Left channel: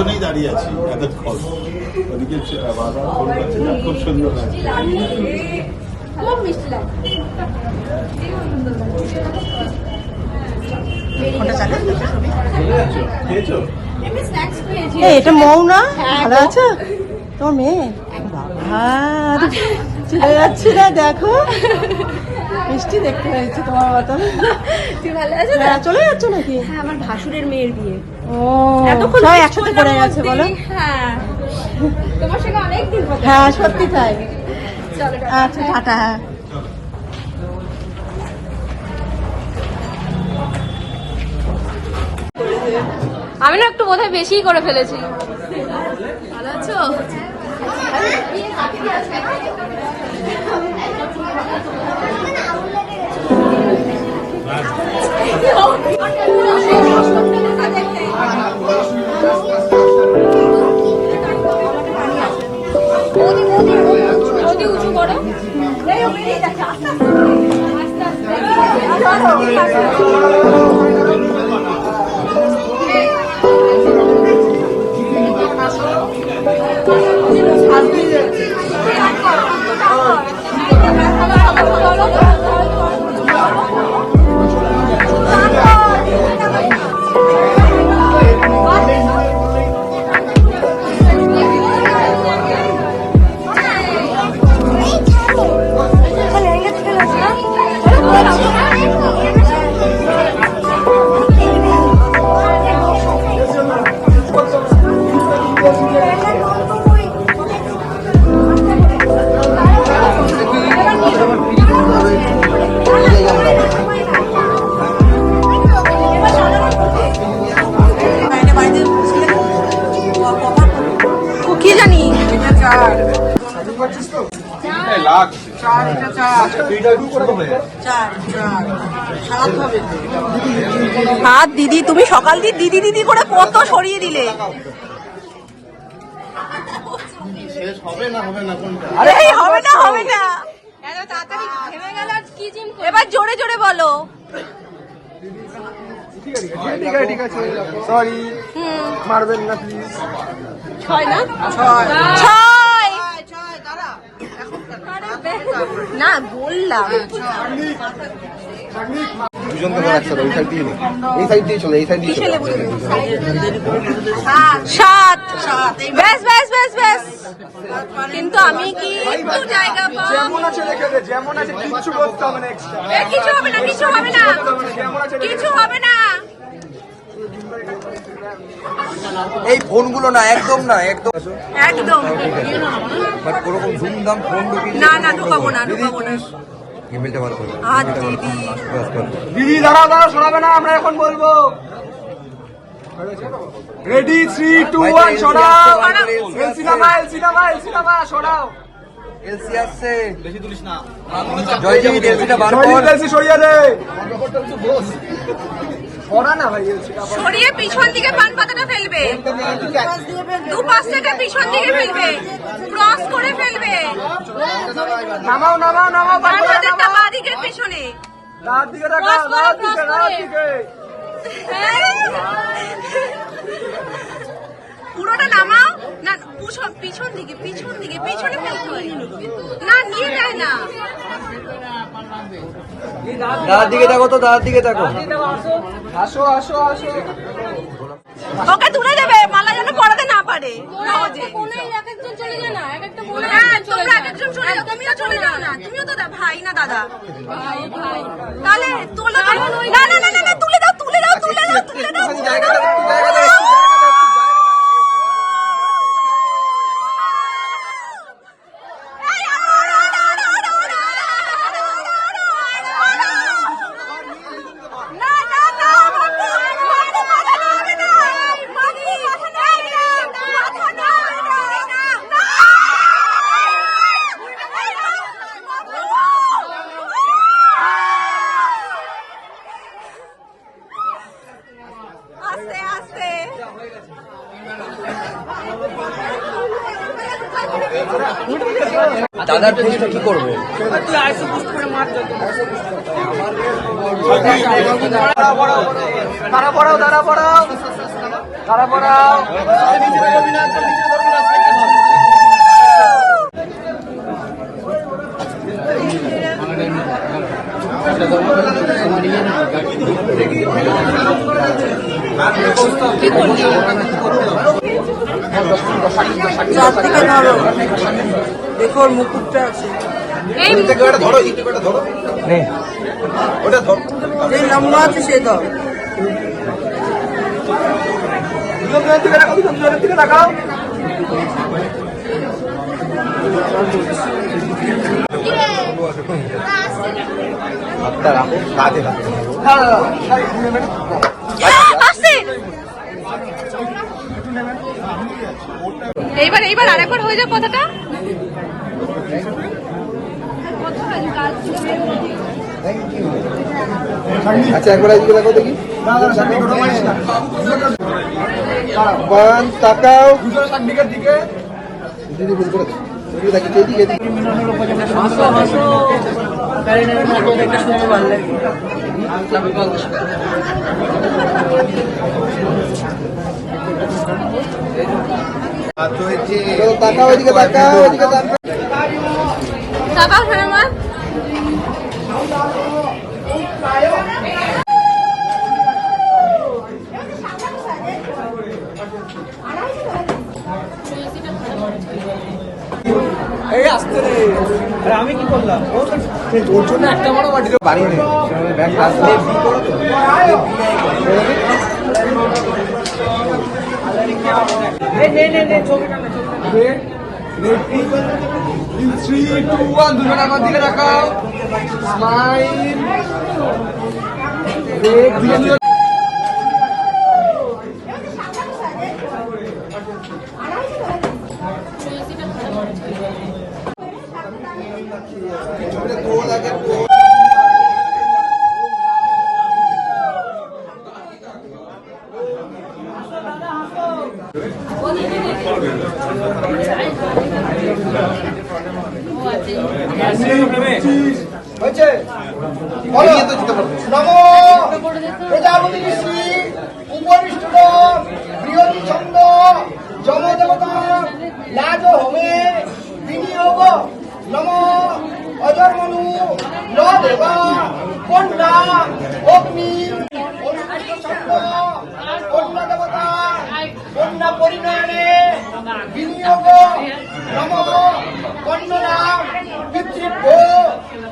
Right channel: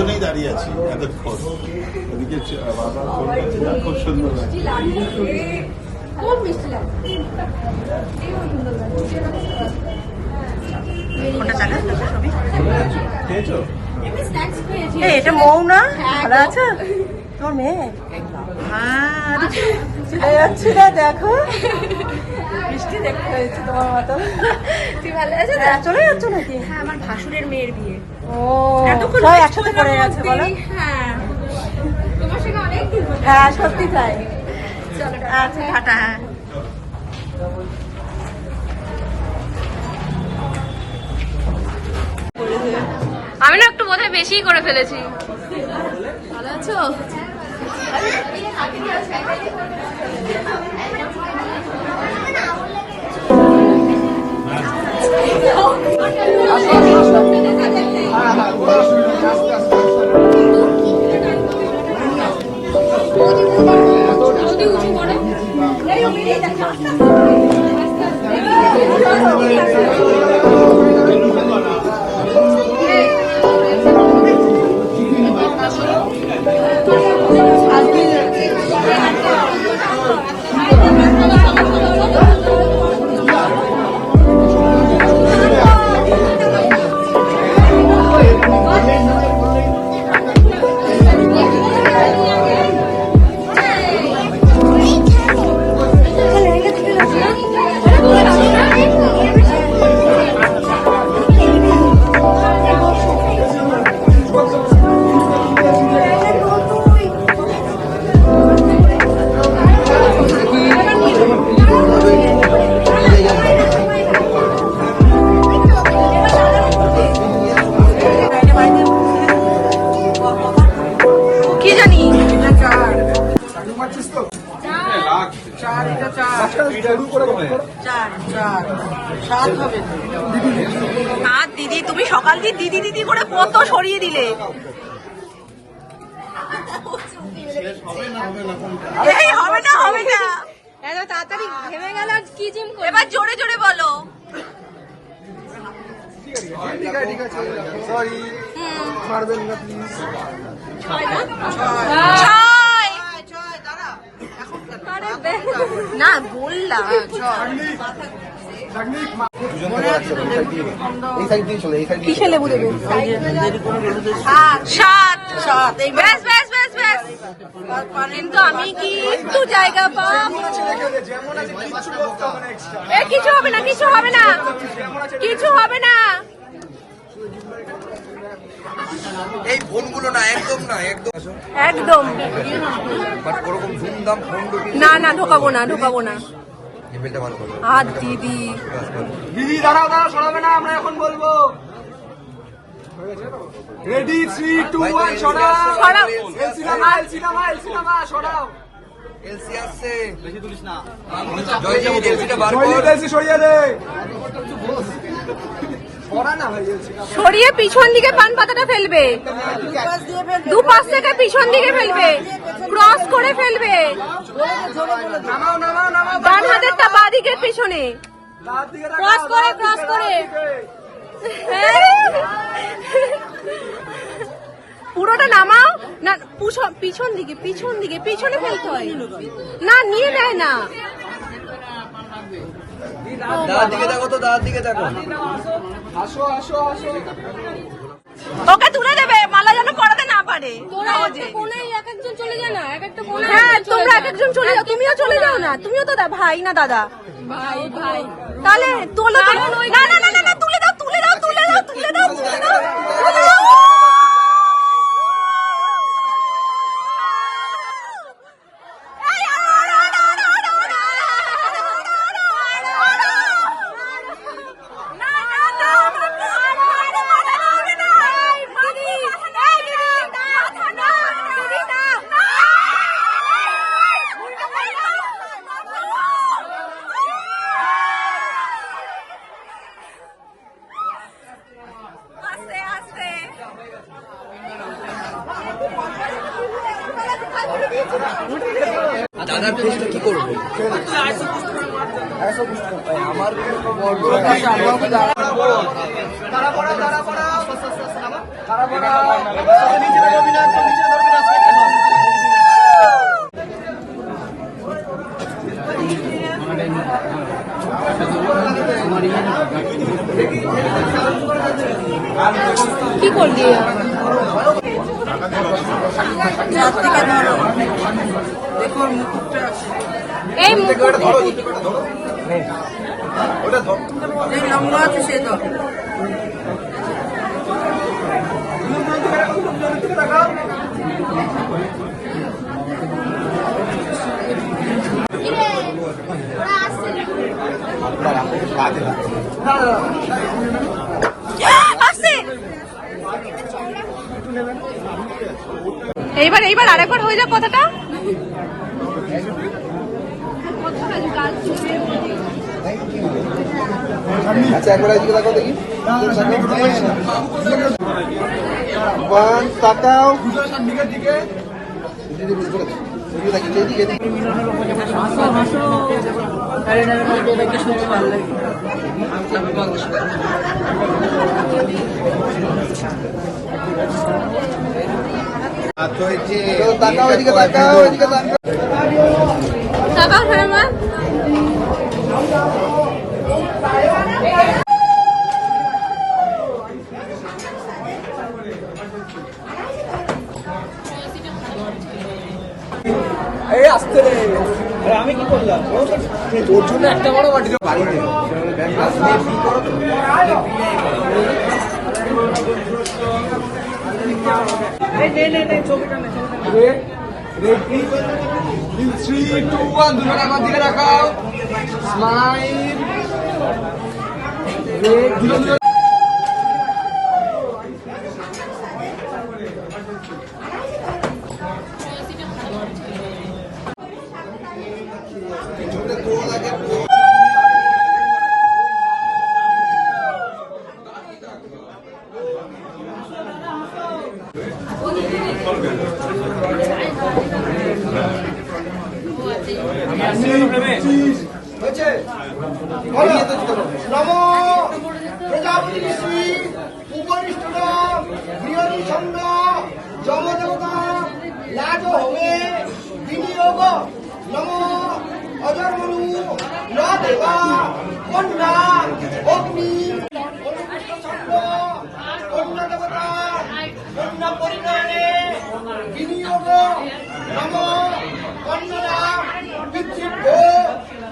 দুজনেই দাঁড়িয়ে আছি এতক্ষণ। ওদিকে খুব সুন্দর লাগছে। এটা মৌ না? ভালো আছো? তোমার মেয়ে? হ্যাঁ, দেখো মিষ্টি দেখতে হয়েছে। তুই ভালো আছো? চলে যাচ্ছ নাকি? হ্যাঁ, আমার ভাসুরের মেয়ের বিয়ে। এতক্ষণ একসাথে করে আছে বলো? হ্যাঁ, তোমার সঙ্গে অনেকদিন পর। হ্যাঁ, সত্যি তাই। চলো আচ্ছা, টাটা। হ্যাঁ, আমি না একটু বোধহয় বেশি করে ফেলেছি। ভালো আছো? নদী উঁচু করো। হাত দিদি, তুমি সকাল দিয়ে দিদি দিদি করে কত সরিয়ে দিলে। এই হবে না, হবে না। এবার জোরে জোরে বলো। না বললাম সাত। ব্যাস ব্যাস ব্যাস ব্যাস। কিন্তু আমি কি একটু জায়গা কিছু হবে না, কিছু হবে না, কিছু হবে না। এই ফোনগুলো না, একদম না, একদম একদম ওরকম ধুমধাম ফোন না না, ঢোকাবো না, ঢোকাবো না। আর দিদি দিদি দাঁড়া দাঁড়া, সরাবে না, আমরা এখন বলবো। রেডি 3 2 1 সরাও। এলসি নামা, এলসি নামা, এলসি নামা, সরাও। এলসি আসছে, বেশি তুলিস না। জয় জয়, এলসিটা বার কর। এলসি সরিয়ে দে। সরিয়ে পিছন দিকে পান পাতাটা ফেলবে, দু পাশটা পিছন দিকে ফেলবে, ক্রস করে ফেলবে। নামাও নামাও নামাও, বাঁদিকটা বাঁদিকে পিছনে রাত দিকে রাখা, ক্রস করে, রাত ক্রস দিকে, করে। রাত দিকে। পুরোটা নামাও না, পিছন দিকে, পিছন দিকে, পিছনে ফেলতে হয় না, নিয়ে নেয় না। দাঁড়ার দিকে দেখো তো, দাঁড়ার দিকে দেখো। আসো আসো আসো। ওকে তুলে দেবে, মালা যেন পড়াতে না পারে সহজে। একজন চলে যায় না, এক একটা হ্যাঁ, তোমরা একজন চলে যাও, তুমিও চলে যাও না, তুমিও তো ভাই না দাদা। তাহলে তোলো, না না না না, তুলে দাও, তুলে দাও, তুলে দাও, তুলে দাও, তুলে দাও, তুলে দাও। দাদা কি করবে? দেখো মুকুটটা আছে লম্বা আছে সে তো এইবার আরেকবার হয়ে যাক কথাটা। তাকাও দিকে তাকাও শোনা এই আসতে রে। আরে আমি কি করলাম? তোর জন্য একটা বড় বাটি বাড়ি নেই। ব্যাংক আসলে বি করো তো। নে ছবিটা নে। রেডি 3 2 1 দুজন আমার দিকে রাখাও। স্মাইল। রেডি হয়েছে নমো প্রজাপতি ঋষি উপবিষ্ট বৃহতি ছন্দ যমদেবতা লাজ হোমে বিনিয়োগ নমো অজর্মনু ন দেবা কন্যা অগ্নি ছন্দ কন্যা দেবতা কন্যা পরিণামে বিনিয়োগ নমো কন্যা পিতৃভ্য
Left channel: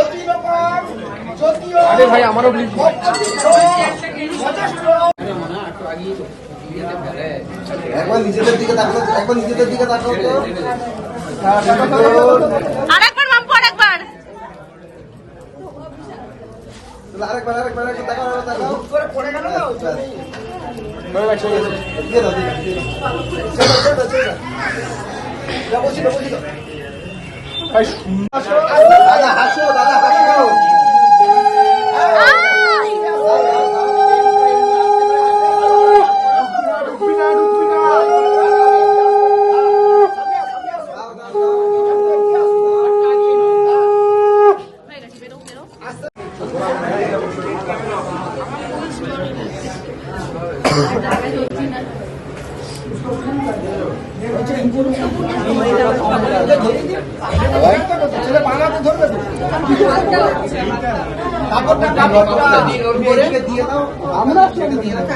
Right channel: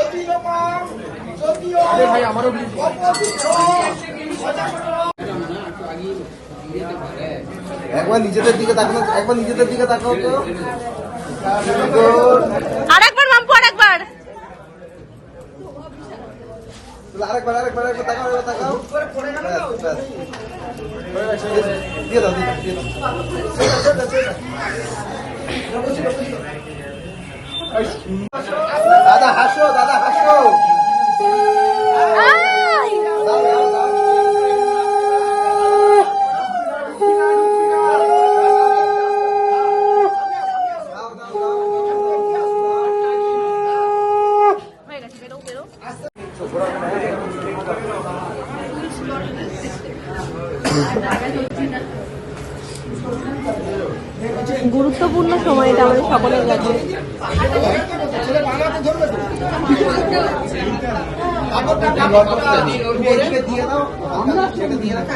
অতিরকম যদিও ভাই আমারও এখন নিজেদের দিকে তাকাও, এখন নিজেদের দিকে তাকাও তো। আরেকবার মাম্পু আরেকবার আরেকবার তাকাও হুট করে পড়ে গেল না দিয়ে দাও দাদা হাসো গুরুত্বপূর্ণ সময় ছেলে বানাতে ধরবে তো দিয়ে দাও আমরা দিয়ে দাও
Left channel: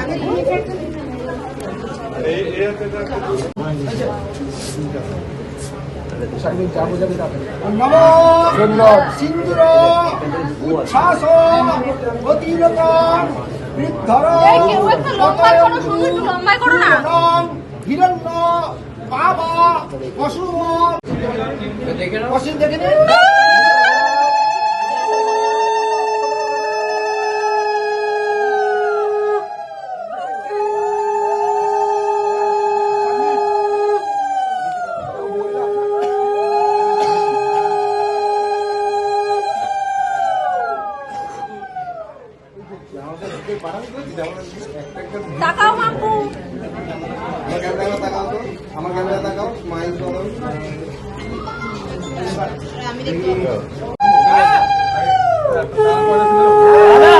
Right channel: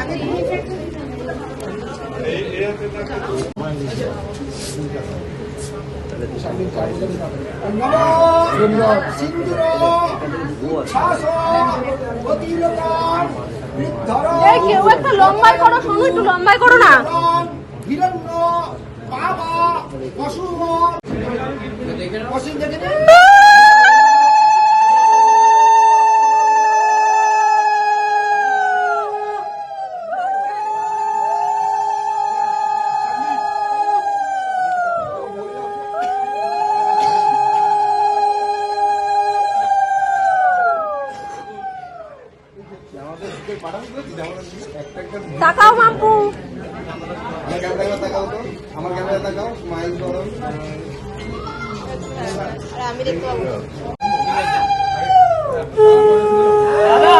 সিন্দুর উচ্ছ্বাস অতিরকম বৃদ্ধর কেউ একটা লম্বাই করো, শুধু একটু লম্বাই করো না। হিরণ্য বাবা পশু পশু দেখে নে তাকাও মাম্পু আমার ক্যামেরা তাকাও তো আমার ক্যামেরা তাকাও স্মাইল করো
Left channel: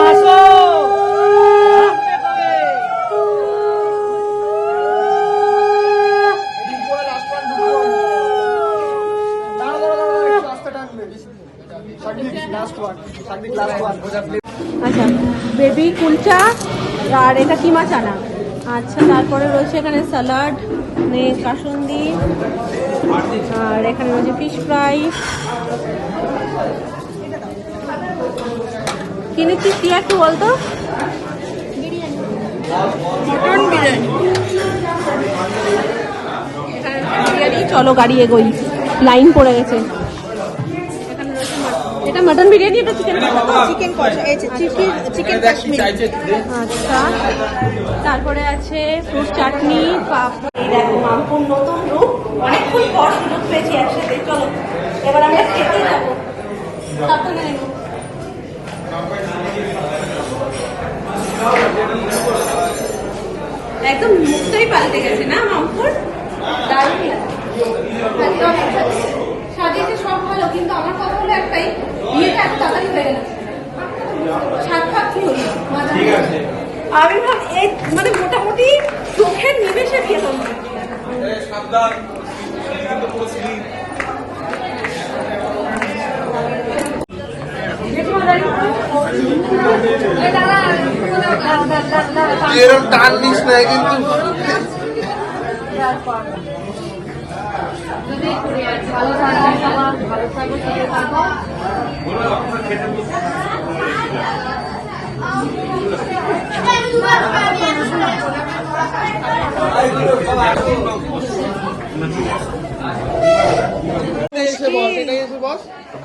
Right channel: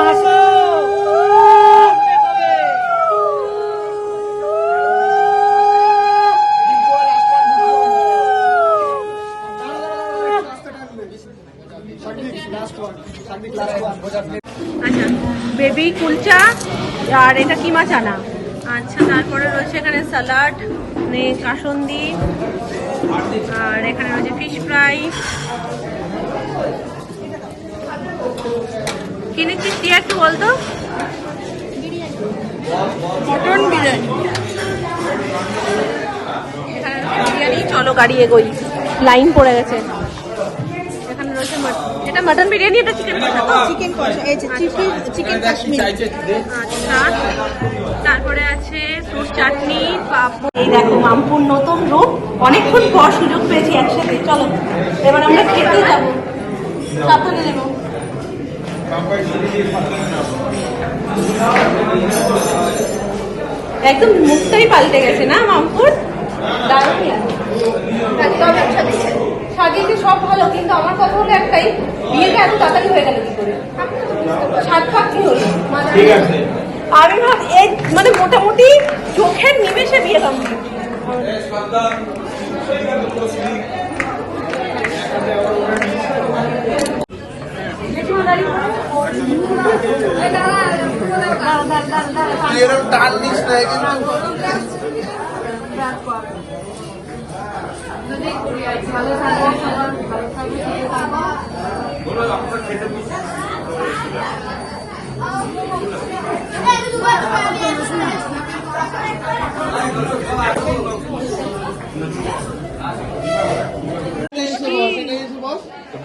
হাসো আচ্ছা, বেবি কুলচা আর এটা কিমা চানা। আচ্ছা, তারপরে রয়েছে এখানে স্যালাড, কাসুন্দি, আর এখানে রয়েছে ফিশ ফ্রাই। কি নিচ্ছিস তুই একটু বলতো? মটন বিরিয়ানি। এখানে বিরিয়ানি, চলো গাড়ি এগোই, লাইন পড়ে গেছে। এখানে রয়েছে এটা মটন বিরিয়ানি, এটা চিকেন কষা। চিকেন কষা, চিকেন কাশ্মীরি। আচ্ছা, তারপরে আছে ফ্রুট চাটনি, পাপড়। এই দেখো মামপুর নতুন রূপ, অনেকক্ষণ পর সুযোগ পেয়েছি একসাথে। চলো এবার আমরা খেতে যাবো, সাবধানে নেবো। একদম মুখটাই পাল্টে গেছে না মামপুর, দারুণ লাগে। সাজিয়েছে সব ভালো, কিন্তু আমার কথা হলো একটাই, বিয়েটা এত তাড়াতাড়ি হয়ে গেল কি করে? সাত পাক কি হলো? আমি ভাব এই মানে মোটামুটি চোখের নিমেষে বিয়ে কমপ্লিট।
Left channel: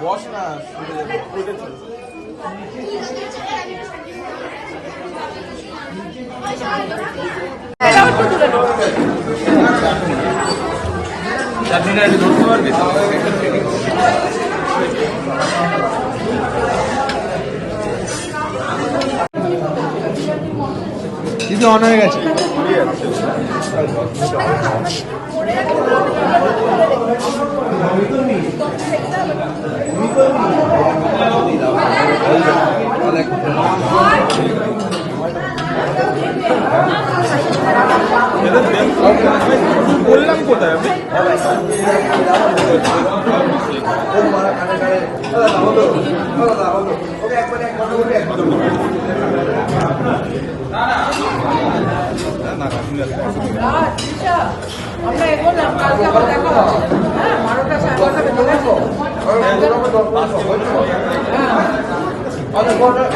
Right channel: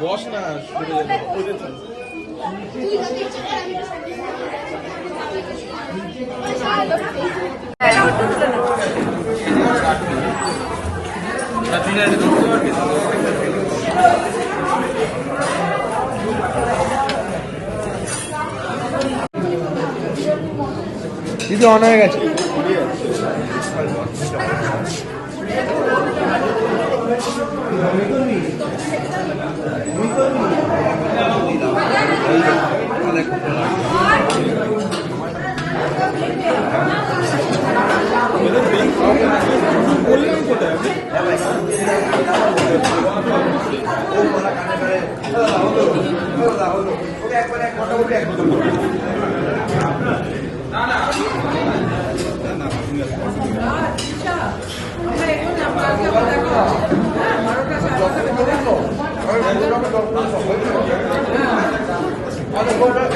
বস না দিদি অন হয়ে গেছে। বললাম কোথায় আমি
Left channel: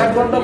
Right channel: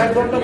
এক ঘন্টা